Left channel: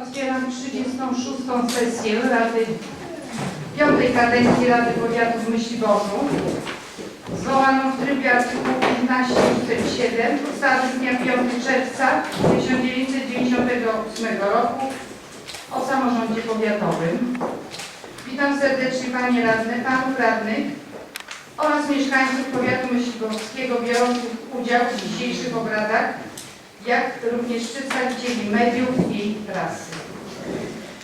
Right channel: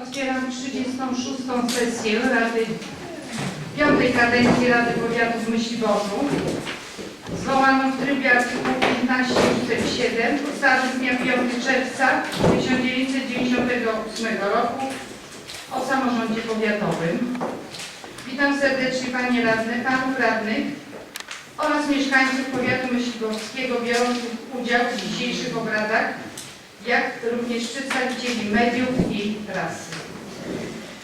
Otwieram 36. sesję Rady, piątej kadencji Rady Powiatu w Myśliborzu, zwołaną w trybie artykułu 15 ust. 7 ustawy z dnia 5 czerwca 1998 roku o samorządzie powiatowym. Witam serdecznie Panie Radne, Panów Radnych oraz mieszkańców powiatu myśliborskiego biorących udział w dzisiejszych obradach jak również przedstawicieli mediów i prasy.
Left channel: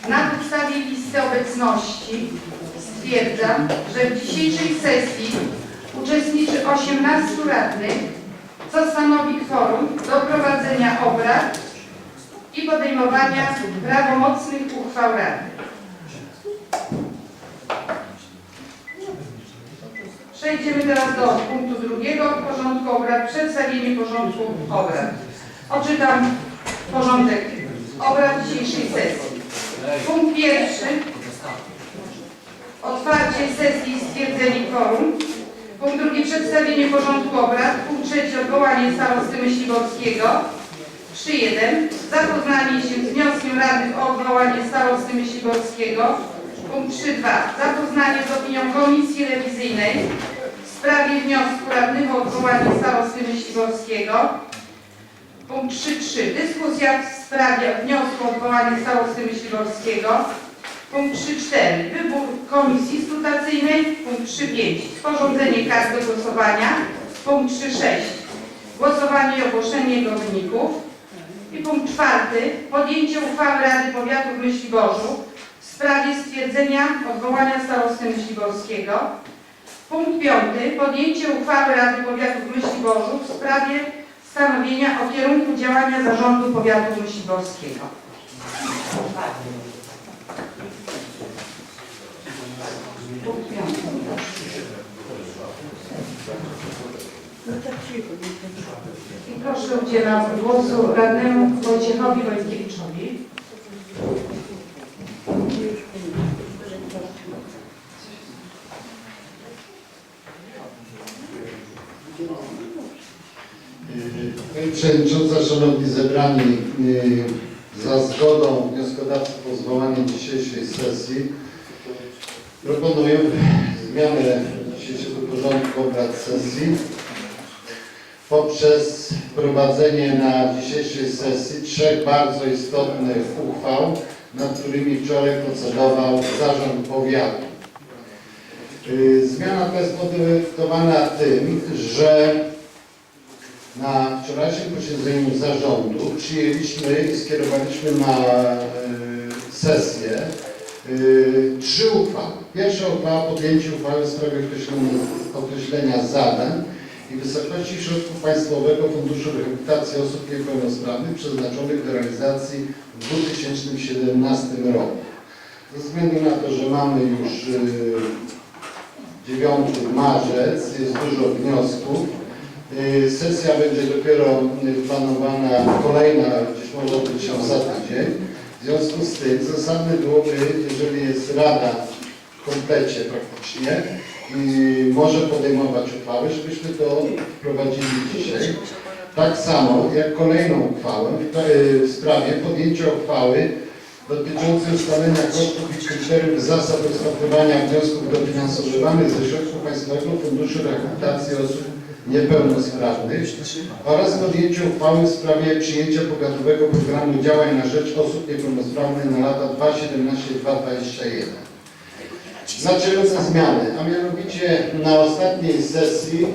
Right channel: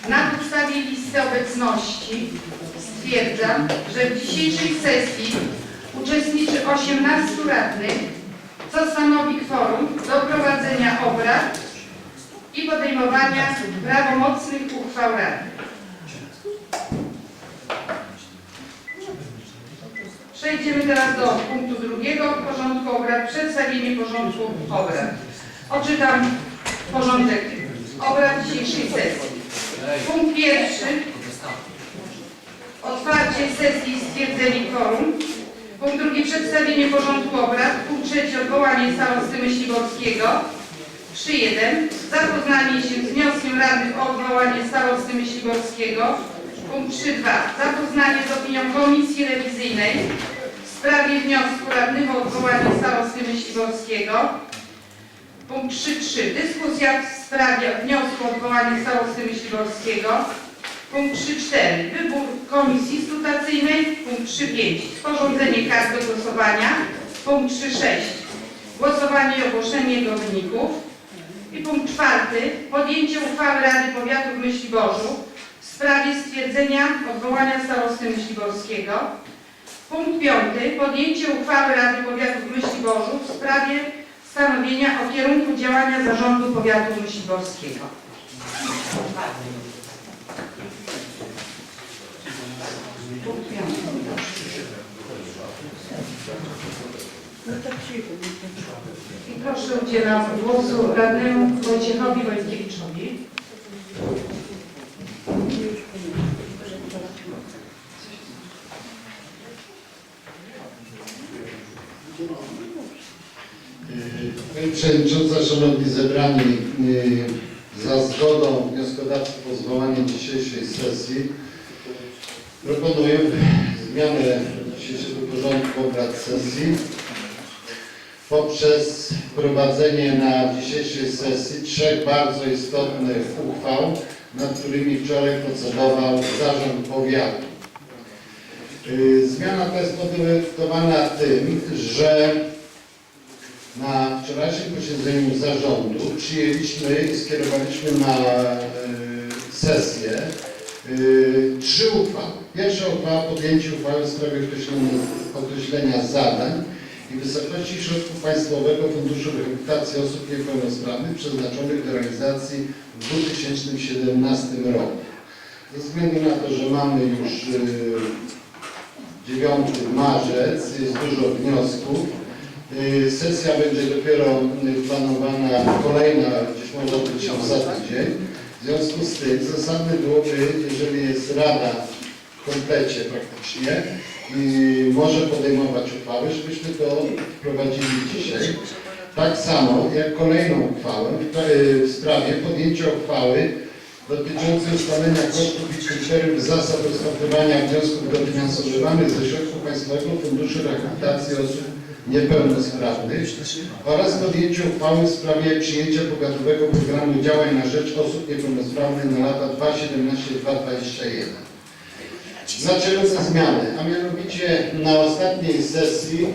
Na podstawie listy obecności stwierdzam, że w dzisiejszej sesji uczestniczy 18 radnych, co stanowi kworum do prowadzenia obrad i podejmowania prawomocnych uchwał radnych. Przejdziemy teraz do punktu drugiego porządku obrad, przedstawienie porządku obrad. Odczytam porządek obrad dzisiejszej sesji. Punkt pierwszy. Otwarcie sesji i stwierdzenie kworum. Punkt drugi. Przedstawienie porządku obrad. Punkt trzeci. Odwołanie starosty Myśliborskiego. 3.1. Zapoznanie się z wnioskiem radnych o odwołanie starosty Myśliborskiego. Punkt 3.2. Zapoznanie z opinią Komisji Rewizyjnej w sprawie wniosku radnych o odwołanie starosty Myśliborskiego. Punkt 3.3. Dyskusja w sprawie wniosku o odwołanie starosty Myśliborskiego. Punkt 3.4. Wybór komisji skrutacyjnej. Punkt 3.5. Sporządzenie kart do głosowania. Punkt 3.6. Głosowanie i ogłoszenie jego wyników. I punkt 4. Podjęcie uchwały Rady Powiatu w Myśliborzu w sprawie stwierdzenia odwołania starosty Myśliborskiego. Punkt 5. Podjęcie uchwały Rady Powiatu w Myśliborzu w sprawie stanowienia o kierunku działania Zarządu Powiatu Myśliborskiego. I proszę udzielam głosu radnemu Wojciechowi Wojtkiewiczowi. Pani Przewodnicząca, Yy, za zgodą wnioskodawców o zwołanie dzisiejszej sesji proponuję zmianę dzisiejszego porządku obrad sesji poprzez wprowadzenie na dzisiejszej sesji trzech bardzo istotnych uchwał, nad którymi wczoraj procedował Zarząd Powiatu. Yy, Zmiana ta jest motywowana tym, że na wczorajszym posiedzeniu zarządu przyjęliśmy i skierowaliśmy na e, sesję e, trzy uchwały. Pierwsza uchwała podjęcie uchwały w sprawie określenia, określenia zadań i wysokości środków Państwowego Funduszu Rehabilitacji Osób Niepełnosprawnych przeznaczonych do realizacji w 2017 roku. Ze względu na to, że mamy już e, 9 marzec, jest dużo wniosków, Sesja będzie dopiero y, planowana, kolejna gdzieś może być się za tydzień. W związku z tym zasadne byłoby, jeżeli jest Rada w komplecie praktycznie i może podejmować uchwały, żebyśmy to wprowadzili dzisiaj. Tak samo jak kolejną uchwałę y, w sprawie podjęcia uchwały dotyczącej ustalenia kosztów i kryteriów zasad rozpatrywania wniosków dofinansowywanych ze środków Państwowego Funduszu Rehabilitacji Osób Niepełnosprawnych oraz podjęcie uchwały w sprawie przyjęcia powiatowego programu działań na rzecz osób niepełnosprawnych na lata 2017-2021. Dlaczego te zmiany? A mianowicie na ostatniej sesji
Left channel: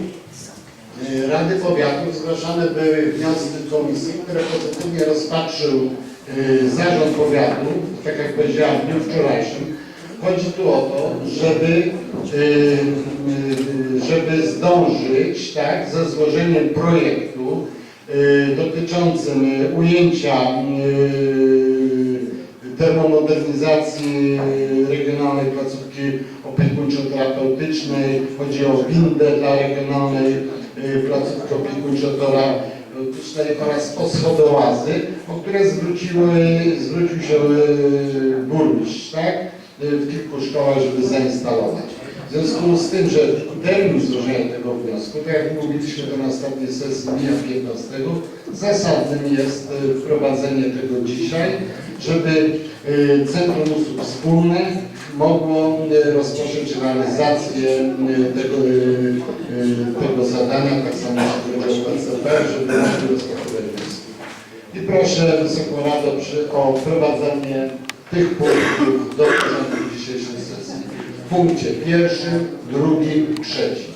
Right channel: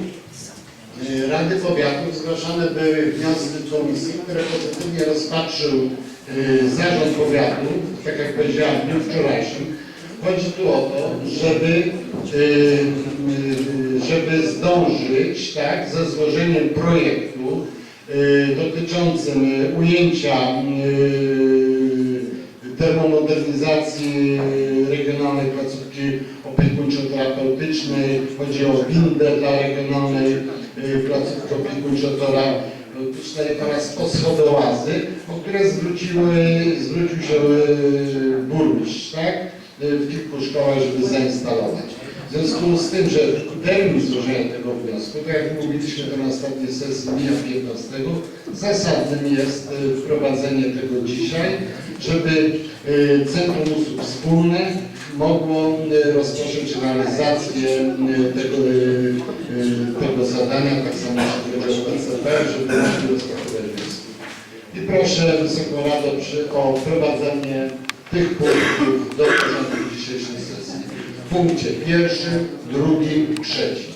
y, Rady Powiatu zgłaszane były wnioski komisji, które pozytywnie rozpatrzył y, Zarząd Powiatu, tak jak powiedziałem w dniu wczorajszym. Chodzi tu o to, żeby, y, y, żeby zdążyć tak, ze złożeniem projektu y, dotyczącym ujęcia termomodernizacji regionalnej placówki opiekuńczo-terapeutycznej. Chodzi o windę dla regionalnej placówki opiekuńczo-terapeutycznej oraz o schodołazy, o które zwróciły, zwrócił się burmistrz, tak? Y, w kilku szkołach, żeby zainstalować. W związku z tym, że termin złożenia tego wniosku, tak jak mówiliśmy to na sesji mija 15, zasadnym jest y, wprowadzenie tego dzisiaj, żeby y, Centrum Usług Wspólnych mogło rozpocząć realizację tego, tego zadania, tak samo o PCP, żeby mogli rozpatrywać wnioski. I proszę Wysoką Radę o wprowadzenie tych punktów do porządku dzisiejszej sesji. W punkcie pierwszym, drugim, trzecim.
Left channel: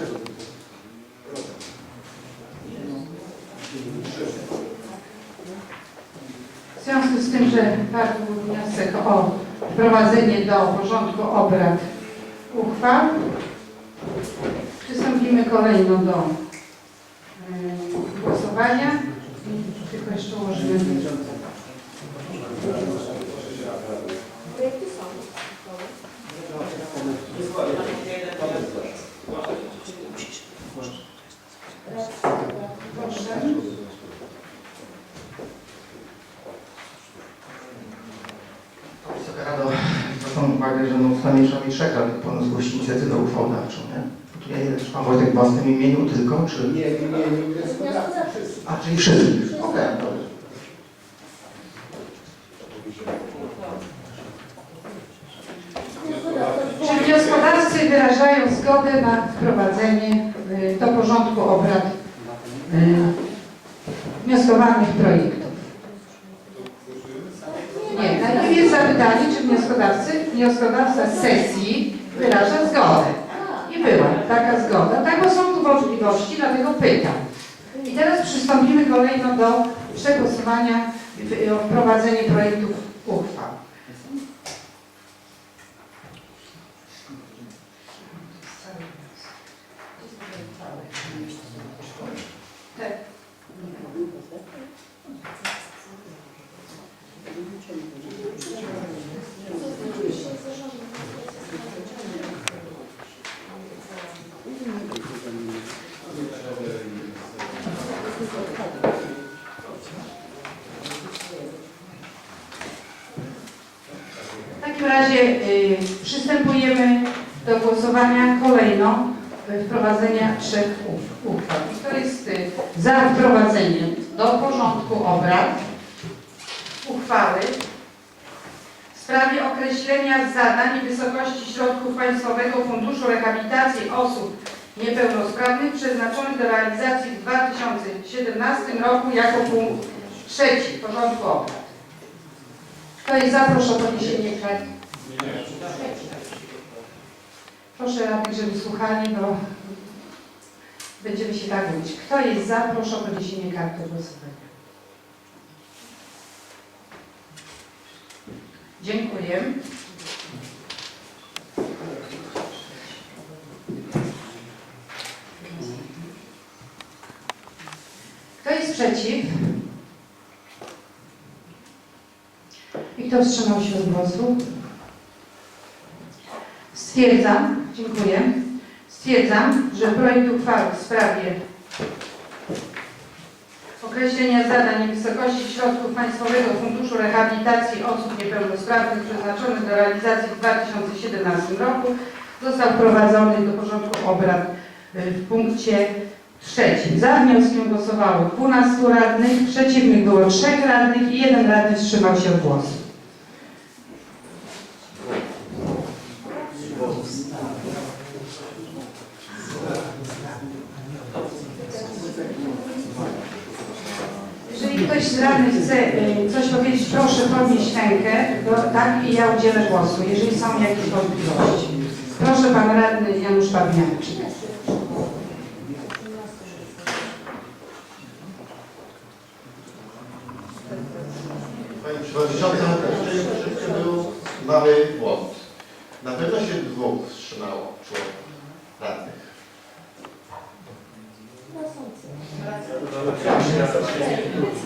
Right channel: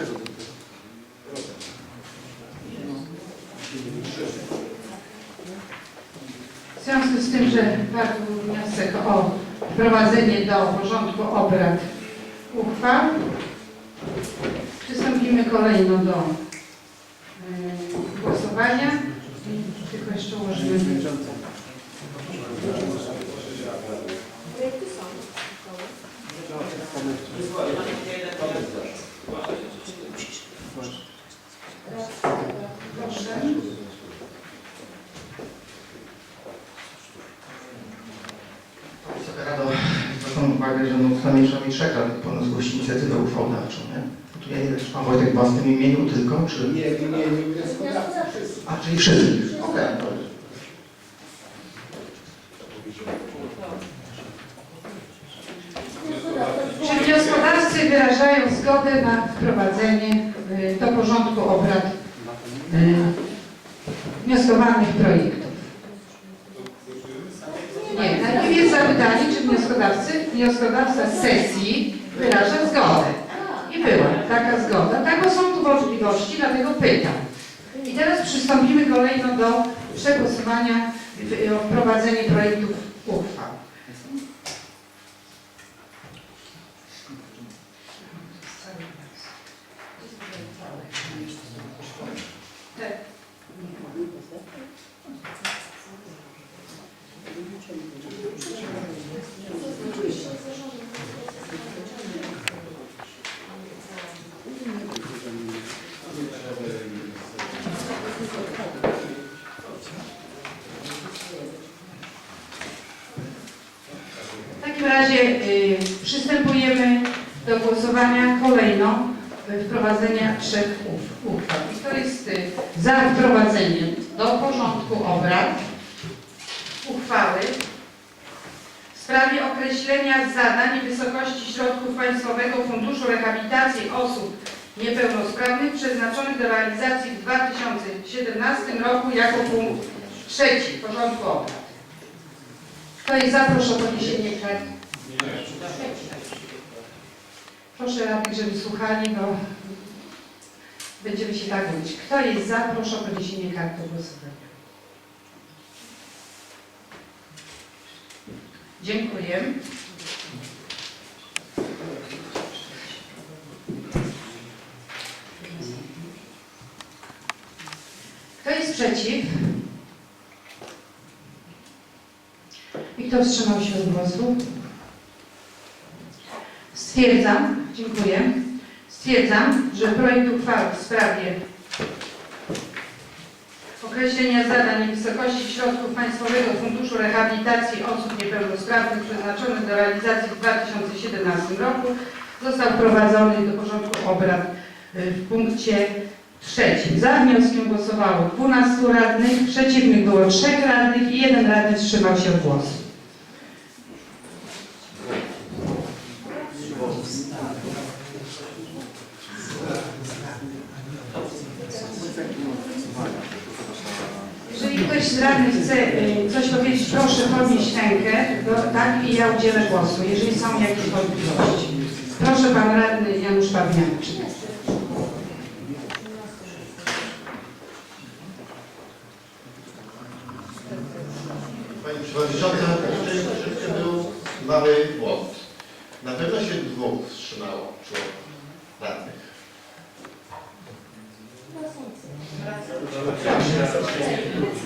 W związku z tym, że padł wniosek o wprowadzenie do porządku obrad uchwał, przystąpimy kolejno do y, głosowania. Tylko jeszcze ułożymy. Proszę. Wysoka Rado, zwracam uwagę, że no trzeba mieć trzech radnych pełno zgłosić inicjatywę uchwałodawczą, nie? Bo tu ja nie wiem, czy pan Wojtek w własnym imieniu tylko, czy... Nie w imieniu wnioskodawcy. A, czyli wszystkich. Okej, dobrze. Czy wnioskodawcy wyrażają zgodę na wprowadzenie y, do porządku obrad y, wnioskowanych projektów? Nie, najpierw jest zapytanie, czy wnioskodawcy, wnioskodawca z sesji wyraża zgodę. I była taka zgoda. Tak, bo są tu wątpliwości, dlatego pytam. I teraz przystąpimy kolejno do przegłosowania o wprowadzenie projektów uchwał. Te- W takim razie y, przystępujemy do głosowania kolejno y, wprowadzenia trzech uchwał. I To jest y, za wprowadzeniem do porządku obrad uchwały w sprawie określenia zadań i wysokości środków Państwowego Funduszu Rehabilitacji Osób Niepełnosprawnych przeznaczonych do realizacji w 2017 roku jako punkt trzeci porządku obrad. Kto jest za, proszę o podniesienie kart. Proszę radnych, żeby słuchali, bo będziemy się tak mówić. Kto jest za, proszę o podniesienie karty głosowania. Dziękuję. Kto jest przeciw? I kto wstrzymał się od głosu? Stwierdzam, dziękuję, stwierdzam, że projekt uchwały w sprawie określenia zadań i wysokości środków Państwowego Funduszu Rehabilitacji Osób Niepełnosprawnych przeznaczonych do realizacji w 2017 roku został wprowadzony do porządku obrad y, w punkcie trzecim. Za wnioskiem głosowało 12 radnych, przeciwnych było 3 radnych i jeden radny wstrzymał się od głosu. Jeżeli ktoś z radnych chce y, coś powiedzieć, proszę podnieść rękę, tak i ja udzielę głosu, jeżeli są jakieś wątpliwości. Proszę pan radny Janusz Pawniaczek. Pani Przewodnicząca, tutaj troszeczkę był mały błąd. Na pewno się dwóch wstrzymało członków radnych.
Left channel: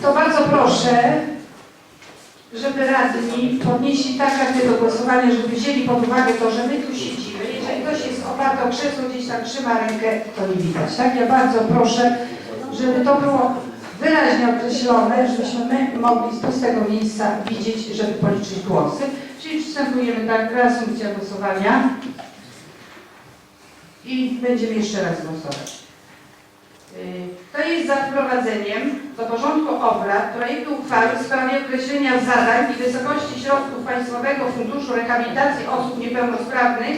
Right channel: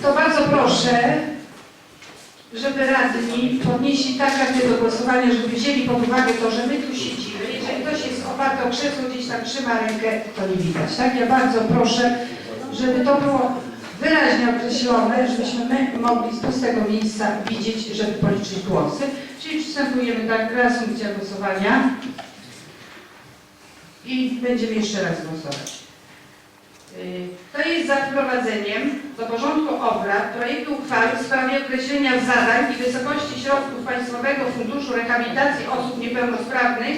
To bardzo proszę, żeby radni podnieśli tak kartę do głosowania, żeby wzięli pod uwagę to, że my tu siedzimy. Jeżeli ktoś jest oparty o krzesło, gdzieś tam trzyma rękę, to nie widać. Tak? Ja bardzo proszę, żeby to było wyraźnie określone, żebyśmy my mogli z pustego miejsca widzieć, żeby policzyć głosy. Czyli przystępujemy tak, reasumpcja głosowania i będziemy jeszcze raz głosować. Y, To jest za wprowadzeniem do porządku obrad projektu uchwały w sprawie określenia zadań i wysokości środków Państwowego Funduszu Rehabilitacji Osób Niepełnosprawnych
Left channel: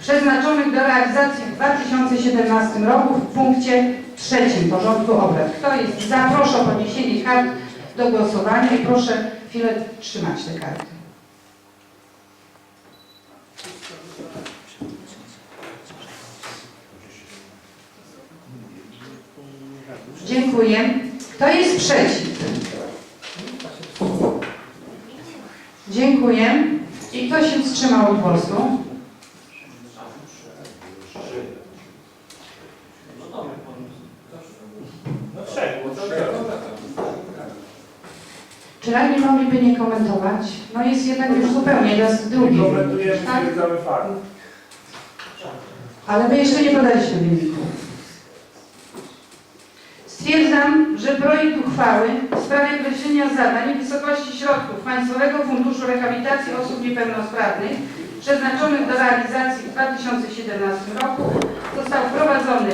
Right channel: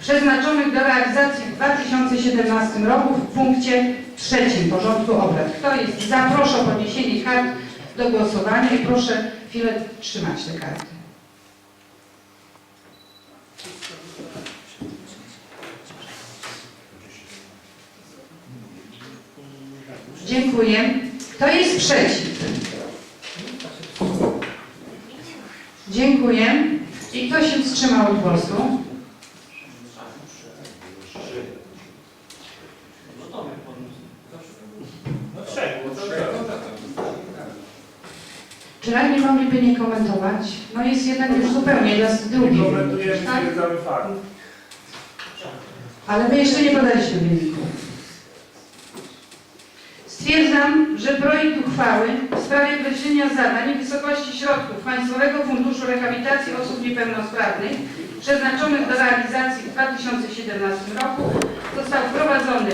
przeznaczonych do realizacji w 2017 roku w punkcie trzecim porządku obrad. Kto jest za? Proszę o podniesienie kart do głosowania i proszę chwilę trzymać te karty. Dziękuję. Kto jest przeciw? Dziękuję. I kto się wstrzymał od głosu? Czy radni mogliby nie komentować? No jest jednak już zupełnie raz drugi. Komentujemy, Tak? stwierdzamy fakt. Ale my jeszcze nie podaliśmy wyniku. Stwierdzam, że projekt uchwały w sprawie określenia zadań i wysokości środków Państwowego Funduszu Rehabilitacji Osób Niepełnosprawnych przeznaczonych do realizacji w 2017 roku został wprowadzony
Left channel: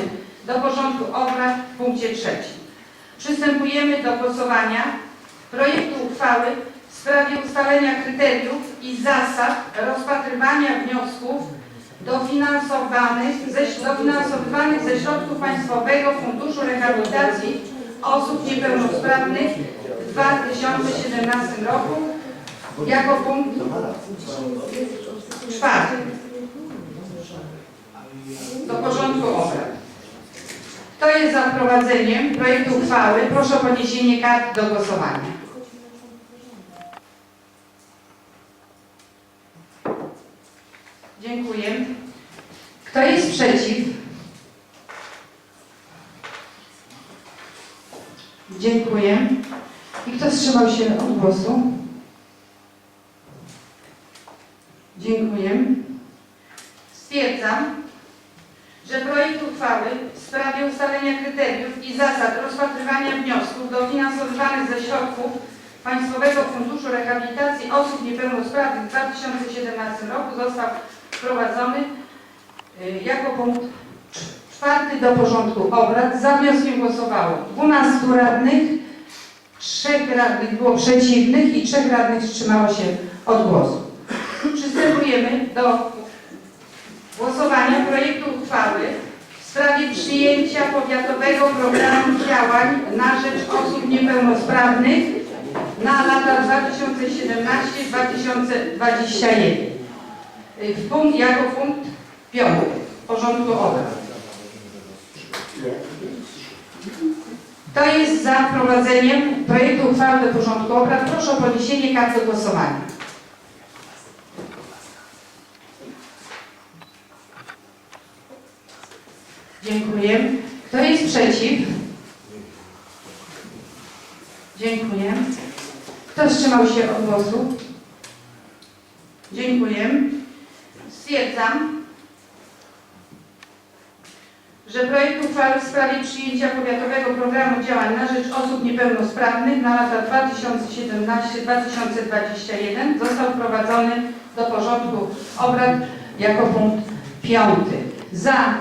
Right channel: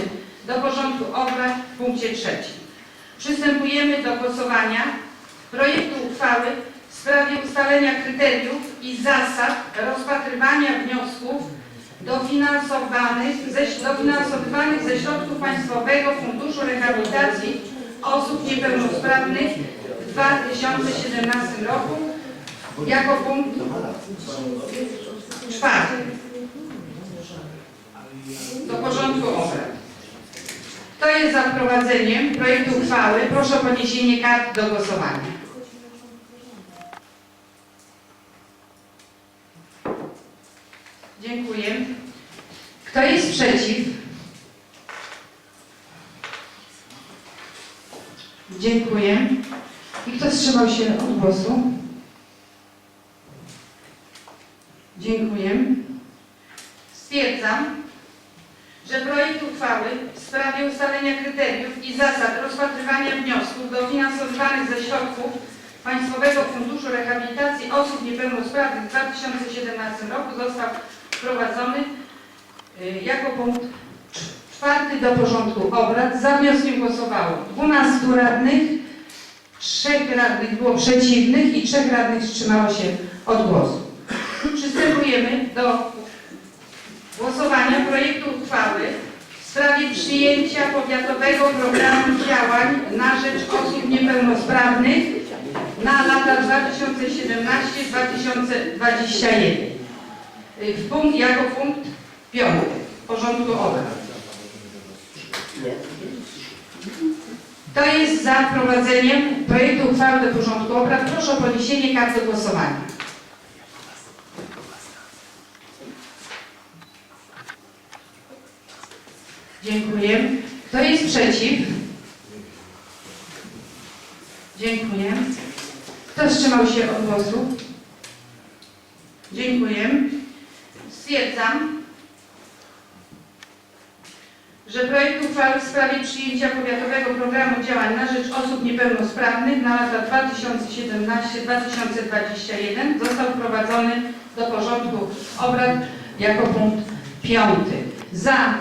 do porządku obrad w punkcie trzecim. Przystępujemy do głosowania projektu uchwały w sprawie ustalenia kryteriów i zasad rozpatrywania wniosków dofinansowanych ze, ze środków Państwowego Funduszu Rehabilitacji Osób Niepełnosprawnych w 2017 roku jako punkt czwarty do porządku obrad. Kto jest za wprowadzeniem projektu uchwały? Proszę o podniesienie kart do głosowania. Dziękuję. Kto jest przeciw? Dziękuję. I kto wstrzymał się od głosu? Dziękuję. Stwierdzam, że projekt uchwały w sprawie ustalenia kryteriów i zasad rozpatrywania wniosków dofinansowywanych ze środków Państwowego Funduszu Rehabilitacji Osób Niepełnosprawnych w 2017 roku został wprowadzony y, jako punkt czwarty do porządku obrad. Za wnioskiem głosowało 12 radnych, 3 radnych było przeciwnych i 3 radnych wstrzymało się od głosu. Przystępujemy do głosowania projektu uchwały w sprawie przyjęcia powiatowego programu działań na rzecz osób niepełnosprawnych na lata 2017-2021. Y, W punkt, jako punkt piąty porządku obrad. Kto jest za wprowadzeniem projektu uchwały do porządku obrad? Proszę o podniesienie karty głosowania. Dziękuję. Kto jest przeciw? Dziękuję. Kto wstrzymał się od głosu? Dziękuję. Stwierdzam, że projekt uchwały w sprawie przyjęcia powiatowego programu działań na rzecz osób niepełnosprawnych na lata 2017-2021 został wprowadzony do porządku obrad jako punkt piąty. Za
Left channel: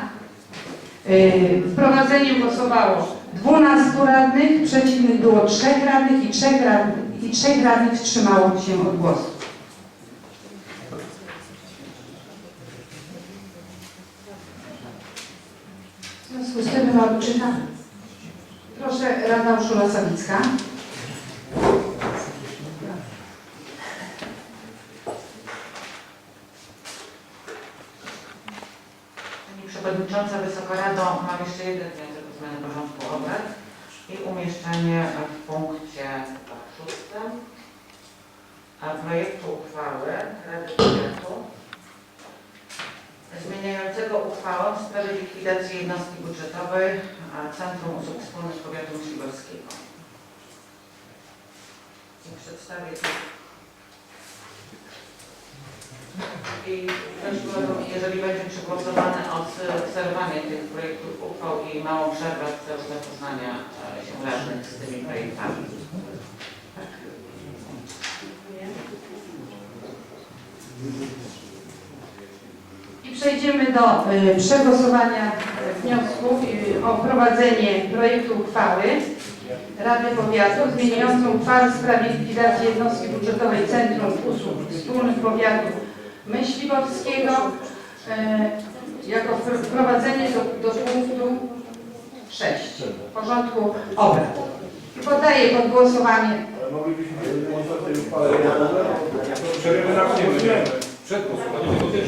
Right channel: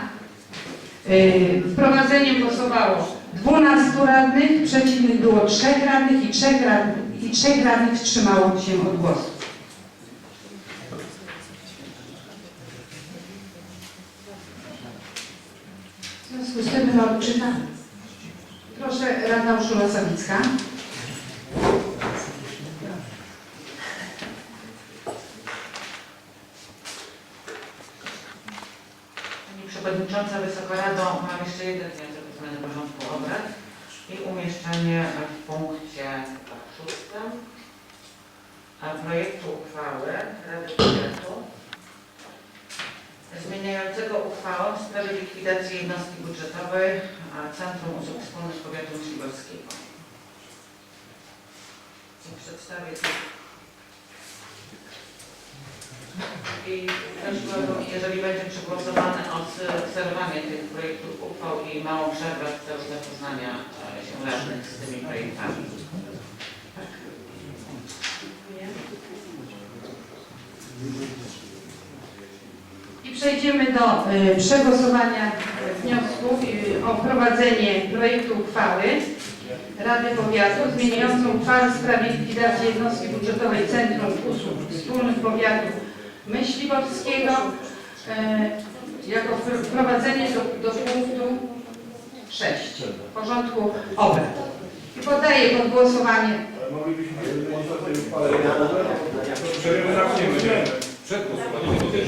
yy, wprowadzeniem głosowało 12 radnych, przeciwnych było 3 radnych i 3 radnych, i 3 radnych wstrzymało się od głosu. No, odczytam. Proszę, Rada Urszula Sawicka. Pani Przewodnicząca, Wysoka Rado, mam jeszcze jeden wniosek o zmianę porządku obrad i umieszczenie w punkcie szóstym a projektu uchwały Rady Powiatu zmieniającego uchwałę w sprawie likwidacji a Centrum Usług Wspólnych Powiatu Myśliborskiego. I przedstawię to. I prosiłabym, jeżeli będzie przegłosowane odserwanie tych projektów uchwał i małą przerwę w celu zapoznania e, się radnych z tymi projektami. I przejdziemy do y, przegłosowania o prowadzenie projektu uchwały Rady Powiatu zmieniającą uchwałę w sprawie likwidacji jednostki budżetowej Centrum Usług Wspólnych Powiatu Myśliborskiego e, jako wpr- wprowadzenie do, do punktu 6 porządku obrad. I poddaję pod głosowanie Moglibyśmy o tej? Przed Czy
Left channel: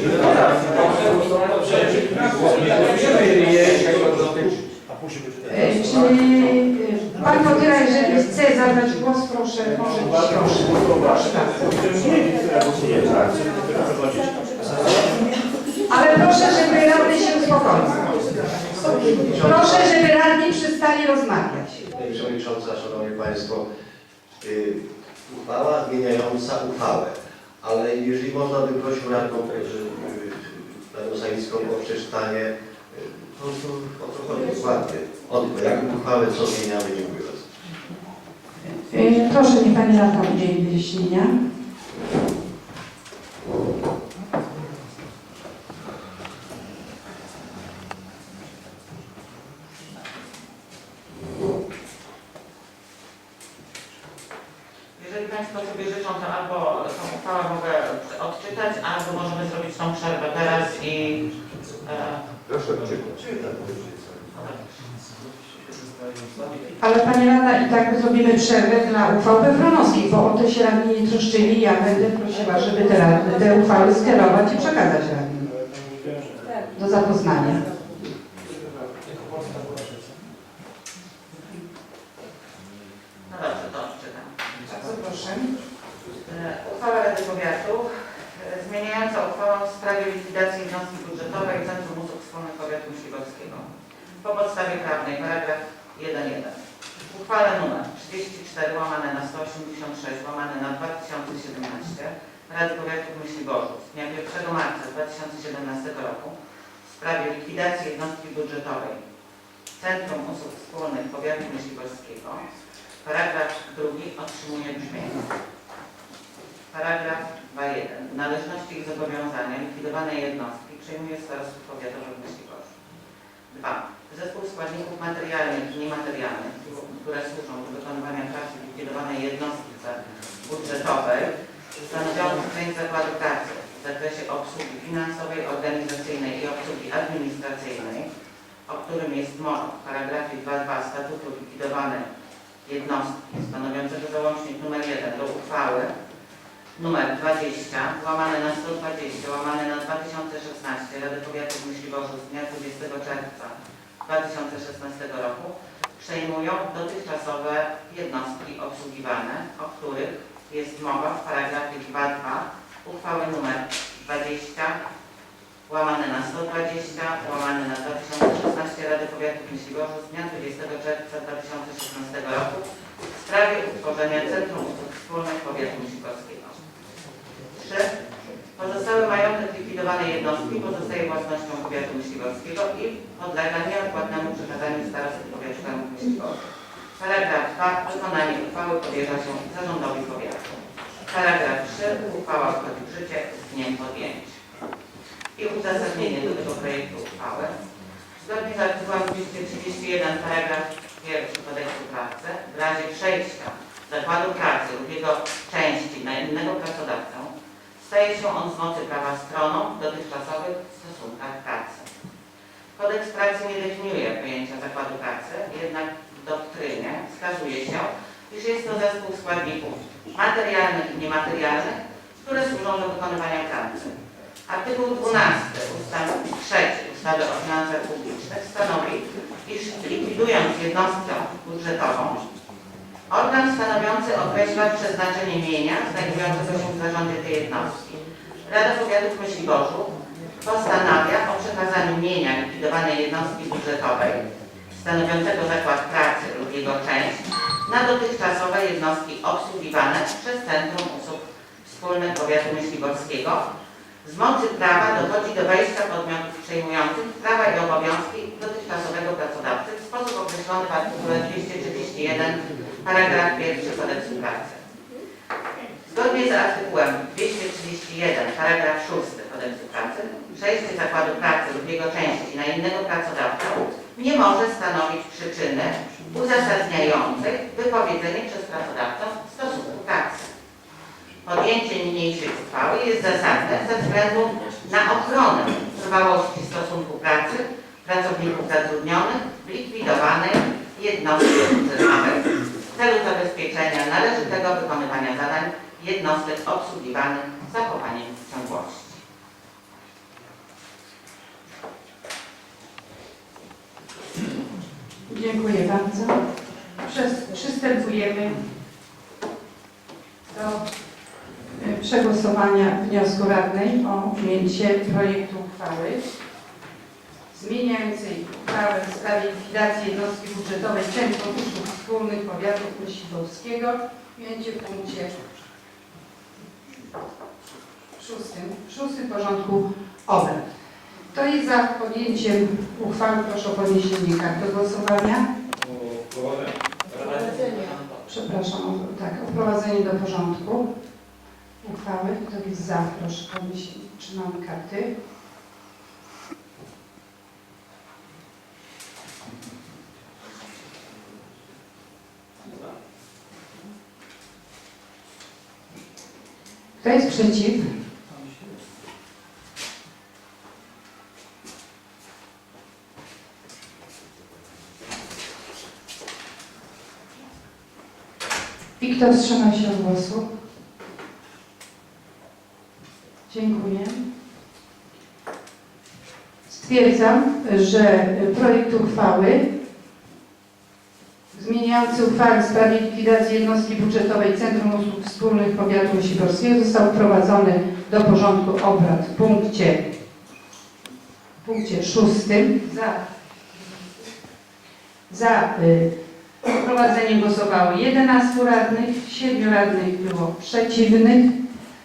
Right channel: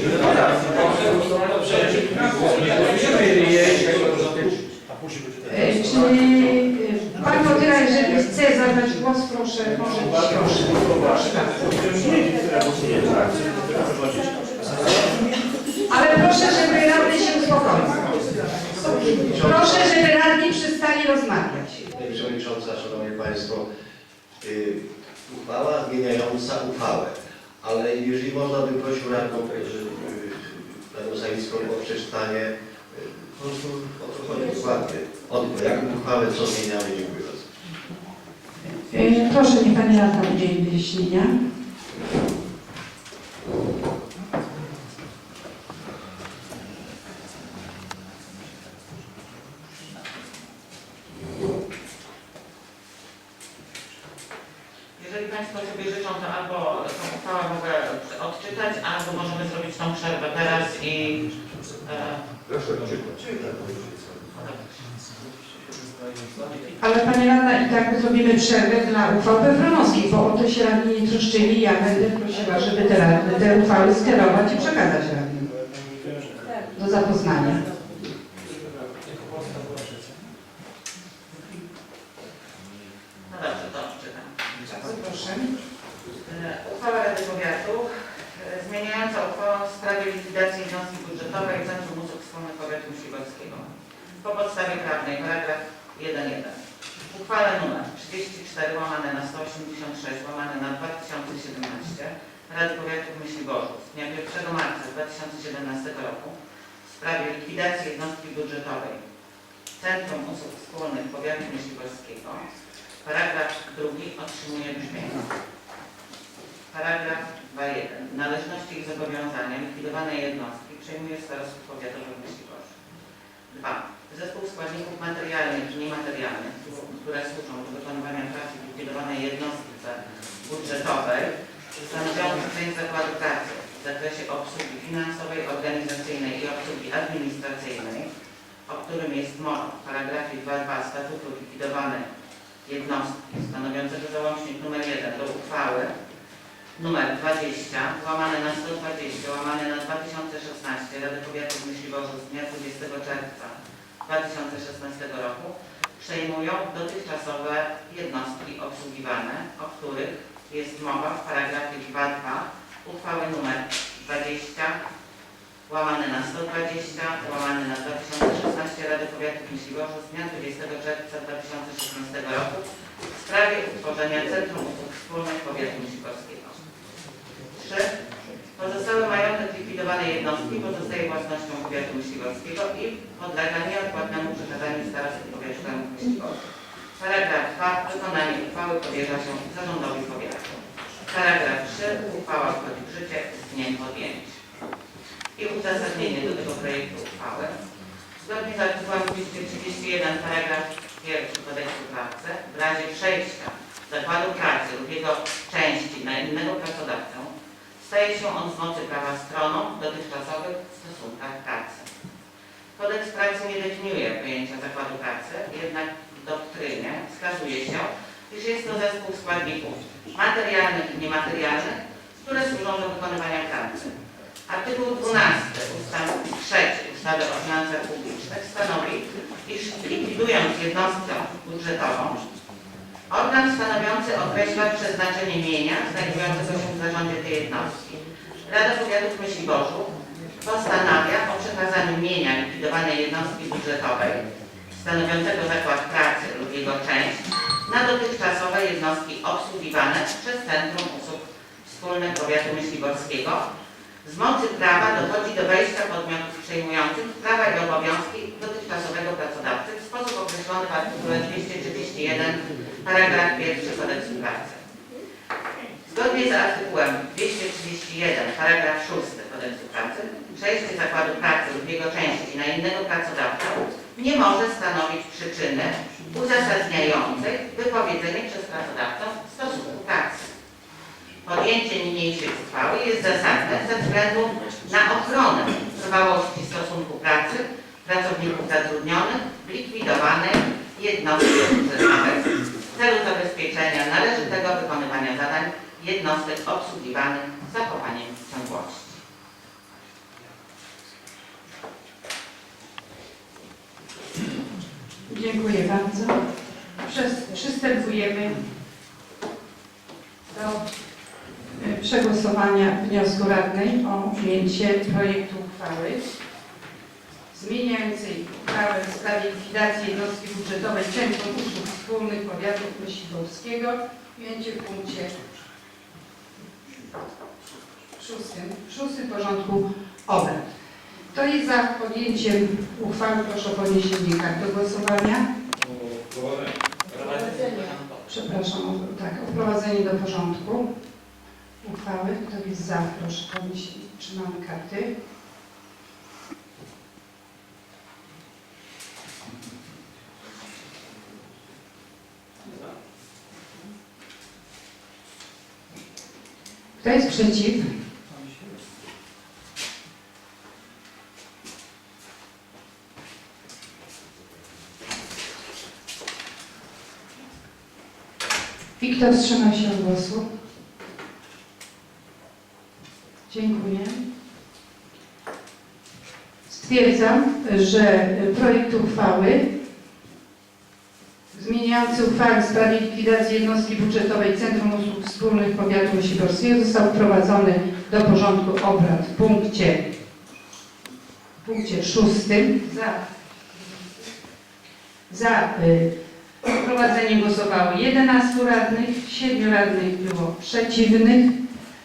Pan Motyra, jeżeli chce zabrać głos, proszę, może proszę. Ale proszę, żeby radny się uspokoił. Proszę, żeby radni przestali rozmawiać. Pani Przewodnicząca, Szanowni Państwo, y, uchwała zmieniająca uchwałę, ale jeżeli można by prosił radną y, y, Panią Sawicką o przeczytanie, y, po prostu o co chodzi dokładnie, od projektu uchwały, co zmieniamy, dziękuję bardzo. E, Proszę, niech Pani radna udzieli wyjaśnienia. Jeżeli Państwo sobie życzą, to albo tą uchwałę mogę odczytać, albo możemy zrobić tą przerwę teraz i... E, Ale Pani radna, i tak zrobimy przerwę dla uchwał Pewronowskich, bo o to się radni nie troszczyli. Ja będę prosiła, żeby te, radne, te uchwały skierować i przekazać radnym do zapoznania. no dobrze, to odczytam. Bardzo proszę. E, Uchwała Rady Powiatu e, zmieniająca uchwałę w sprawie likwidacji jednostki budżetowej Centrum Usług Wspólnych Powiatu Myśliborskiego. Po podstawie prawnej, paragraf 1.1. Uchwale nr 34 łamane na 186 łamane na 2017 Rady Powiatu w Myśliborzu z dnia 1 marca 2017 roku w sprawie likwidacji jednostki budżetowej Centrum Usług Wspólnych Powiatu Myśliborskiego. Paragraf drugi otrzymuje brzmienie. Paragraf 2.1. Należności i zobowiązania likwidowanej jednostki przejmuje starostwo powiatowe w Myśliborzu. 2. Zespół składników materialnych i niematerialnych, które służą do wykonywania pracy likwidowanej jednostce budżetowej, stanowiących część zakładu pracy w zakresie obsługi finansowej, organizacyjnej i obsługi administracyjnej, o którym jest mowa w paragrafie 2.2 statutu likwidowanej jednostki stanowiącego załącznik nr 1 do uchwały numer 20 łamane na 120 łamane na 2016 Rady Powiatu w Myśliborzu z dnia 20 czerwca 2016 roku przejmują dotychczasowe jednostki obsługiwane, o których jest mowa w paragrafie 2.2 uchwały numer 20 łamane na 120 łamane na 2016 Rady Powiatu w Myśliborzu z dnia 20 czerwca 2016 roku w sprawie utworzenia Centrum Usług Wspólnych Powiatu Myśliborskiego. 3. Pozostały majątek likwidowanej jednostki pozostaje własnością powiatu myśliborskiego i podlega nieodpłatnemu przekazaniu starosty powiatu myśliborza. Paragraf 2. Wykonanie uchwały powierza się zarządowi powiatu. Paragraf 3. Uchwała wchodzi w życie z dniem podjęcia. I uzasadnienie do tego projektu uchwały. Zgodnie z artykułem 231 paragraf 1 kodeksu pracy w razie przejścia zakładu pracy lub jego części na innego pracodawcę staje się on z mocy prawa stroną w dotychczasowych stosunkach pracy. Kodeks pracy nie definiuje pojęcia zakładu pracy, jednak w doktrynie wskazuje się, iż jest to zespół składników materialnych i niematerialnych, które służą do wykonywania pracy. Artykuł 12 ustęp 3 ustawy o finansach publicznych stanowi, iż likwidując jednostkę budżetową, organ stanowiący określa przeznaczenie mienia znajdującego się w zarządzie tej jednostki. Rada Powiatu w Myśliborzu postanawia o przekazaniu mienia likwidowanej jednostki budżetowej stanowiącego zakład pracy lub jego część na dotychczasowe jednostki obsługiwane przez Centrum Usług Wspólnych Powiatu Myśliborskiego z mocy prawa dochodzi do wejścia podmiotów przejmujących prawa i obowiązki dotychczasowego pracodawcy w sposób określony w artykule 231 paragraf 1 Kodeksu Pracy. Zgodnie z artykułem 231 paragraf 6 Kodeksu Pracy przejście zakładu pracy lub jego części na innego pracodawcę nie może stanowić przyczyny uzasadniającej wypowiedzenie przez pracodawcę stosunku pracy. Podjęcie niniejszej uchwały jest zasadne ze względu na ochronę trwałości stosunku pracy pracowników zatrudnionych w likwidowanej jednostce procesowej w celu zabezpieczenia należytego wykonywania zadań jednostek obsługiwanych zachowaniem ciągłości. Dziękuję bardzo. Przez, przystępujemy do y, przegłosowania wniosku radnej o przyjęcie projektu uchwały zmieniającej uchwałę w sprawie likwidacji jednostki budżetowej Centrum Usług Wspólnych Powiatu Myśliwowskiego. Ujęcie w punkcie szóstym, szóstym porządku obrad. Kto jest za podjęciem uchwały, proszę o podniesienie kart do głosowania. Przepraszam, o, tak, o wprowadzenie do porządku uchwały. Kto jest za, proszę podnieść, trzymamy karty. Kto jest przeciw? I kto wstrzymał się od głosu? Dziękuję. Stwierdzam, że projekt uchwały zmieniający uchwałę w sprawie likwidacji jednostki budżetowej Centrum Usług Wspólnych Powiatu Sikorskiego został wprowadzony do porządku obrad w punkcie, w punkcie szóstym. Za, za y, wprowadzeniem głosowało 11 radnych, 7 radnych było przeciwnych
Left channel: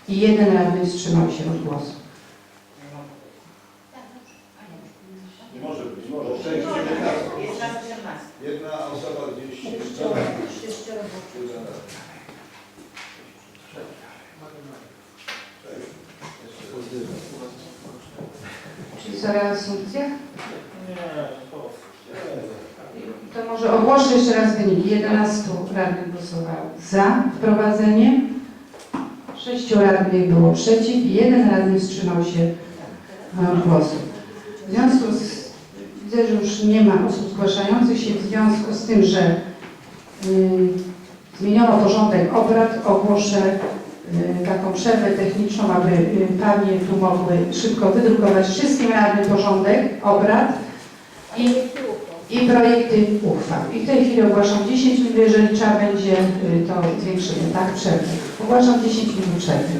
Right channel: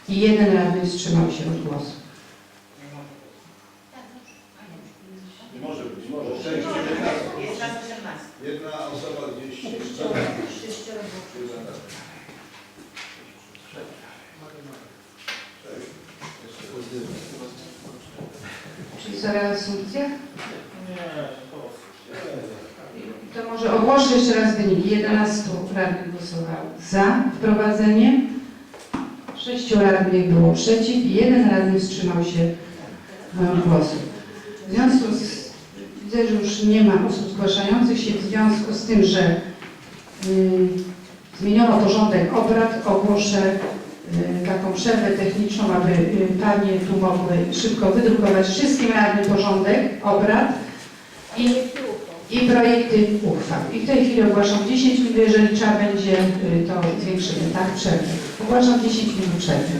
i jeden radny wstrzymał się od głosu. Nie może być, nie może. Sześć, dziewiętnaście. Jest nas 18. Jedna osoba gdzieś. Czyli co reasumpcja? To ogłoszę jeszcze raz wyniki. 11 radnych głosowało za wprowadzeniem, 6 radnych było przeciw i jeden radny wstrzymał się e, głosu. W związku z, widzę, że już nie ma osób zgłaszających się, w związku z tym, że y, zmieniono porządek obrad, ogłoszę y, taką przerwę techniczną, aby y, panie tu mogły szybko wydrukować wszystkim radnym porządek obrad i, i projekty uchwał. I w tej chwili ogłaszam 10 minut, jeżeli trzeba będzie, y, to zwiększymy, tak, przerwę. Ogłaszam 10 minut przerwy.